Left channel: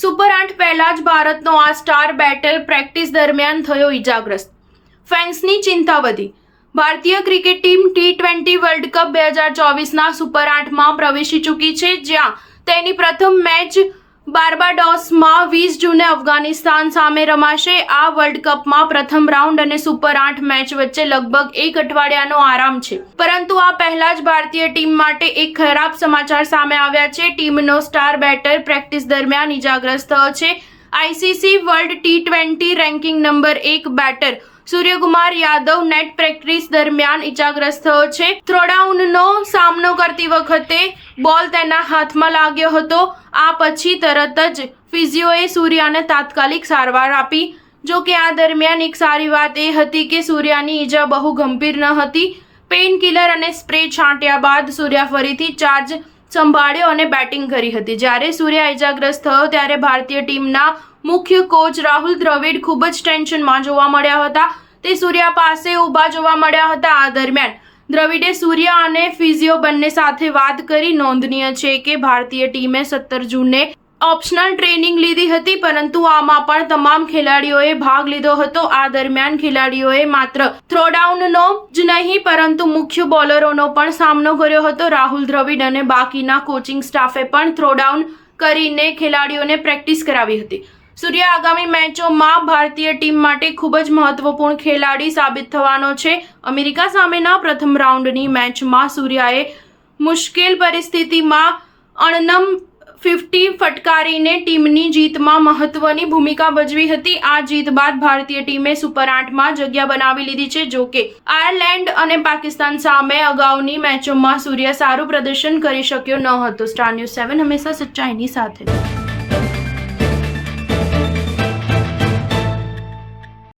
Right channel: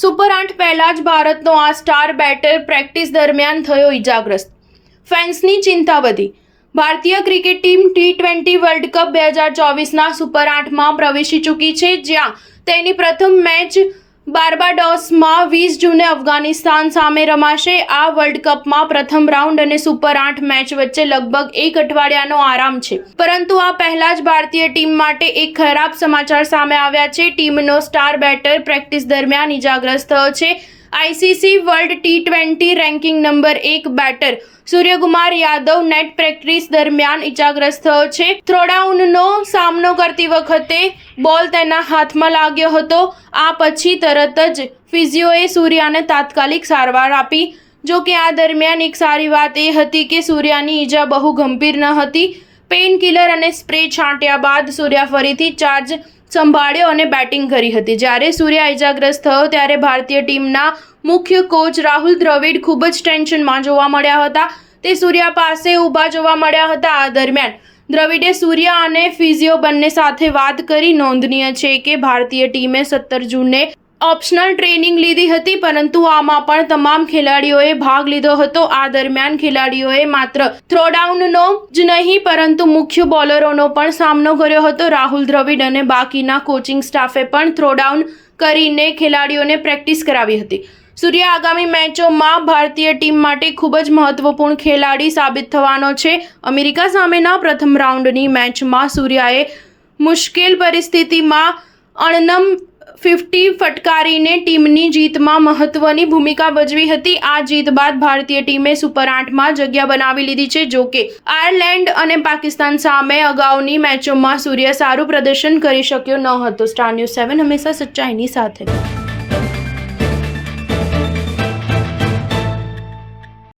Super 8 પહેલા જ ભારતનો આ સ્ટાર બેટર પ્રેક્ટિસ દરમિયાન થયો ઇજાગ્રસ્ત. ફેન્સની ચિંતા વધી. ભારતીય cricket team T20 world cup 2024ના સુપર 8માં પ્રવેશી ચૂકી છે, જ્યાં તેની પ્રથમ મેચ બાર્બાડોસમાં 20 જૂને અફઘાનિસ્તાન સામે રમાશે. આ વર્લ્ડ કપમાં પ્રથમ રાઉન્ડ અને સુપર 8 મેચ વચ્ચે લગભગ એક અઠવાડિયાનો આરામ છે. પરંતુ આ પહેલા જ ભારતીય ટીમ માટે એક ખરાબ સમાચાર સામે આવ્યા છે. ટીમનો સ્ટાર બેટર પ્રેક્ટિસ દરમિયાન ઇજાગ્રસ્ત થયો છે. ICC world T20 ranking number 1 batter Suryakumar Yadav net practice દરમિયાન ઇજાગ્રસ્ત થયો છે. થ્રોડાઉનનો સામનો કરતી વખતે બોલ તેના હાથમાં લાગ્યો હતો. આ પછી તરત જ ફિઝિયોએ સૂર્યાને તાત્કાલિક સારવાર આપી. જો કે આ દરમિયાન એક સારી વાત એ હતી કે સૂર્યાની ઈજા બહુ ગંભીર ન હતી. પેઇન કિલર અને સ્પ્રે છાંટ્યા બાદ સૂર્યા ફરીથી ચાર્જ સંભાળ્યો અને બેટિંગ કરી હતી. જ્યારે સૂર્યા ઇજાગ્રસ્ત થયો ત્યારે ભારતીય ટીમના મુખ્ય કોચ રાહુલ દ્રવિડ ખૂબ જ ટેન્શનમાં જોવા મળ્યા હતા. તે સૂર્યા પાસે ઊભા જોવા મળ્યા હતા. આ દરમિયાન દ્રવિડે સૂર્યા અને ફિઝિયો બંને સાથે વાત કરી. નોંધનીય છે કે ભારતીય ટીમે 17 જૂને ઓપ્શનલ ટ્રેનિંગ લીધી હતી, પરંતુ આમાં પણ તમામ ખેલાડીઓએ ભાગ લીધો હતો. આ દરમિયાન ખેલાડીઓએ માત્ર થ્રોડાઉનનો જ નહીં પરંતુ મુખ્ય બોલરોનો પણ સામનો કર્યો હતો. રાહુલ દ્રવિડ અને બાકીના કોચિંગ સ્ટાફે પણ થ્રોડાઉન કરીને ખેલાડીઓને પ્રેક્ટિસ કરાવી હતી. સૂર્યા આગામી મેચોમાં ભારતીય ટીમ માટે ખૂબ જ મહત્વપૂર્ણ ખેલાડી સાબિત થવાનો છે. અમેરિકા સામેના પ્રથમ રાઉન્ડની મેચમાં સૂર્યાએ મુશ્કેલ પરિસ્થિતિમાં અણનમ 50 ફટકારીને ટીમની જીતમાં મહત્વની ભૂમિકા ભજવી હતી. આ જીત બાદ ભારતીય ટીમે સુપર 8માં જગ્યા બનાવી લીધી છે. જો કે આયર્લેન્ડ અને પાકિસ્તાન સામે અગાઉની મેચોમાં સૂર્ય સારું પ્રદર્શન કરી શક્યો ન હતો. સ્ટાર ન્યૂઝ 7 હંમેશા સચ્ચાઈની સાથે.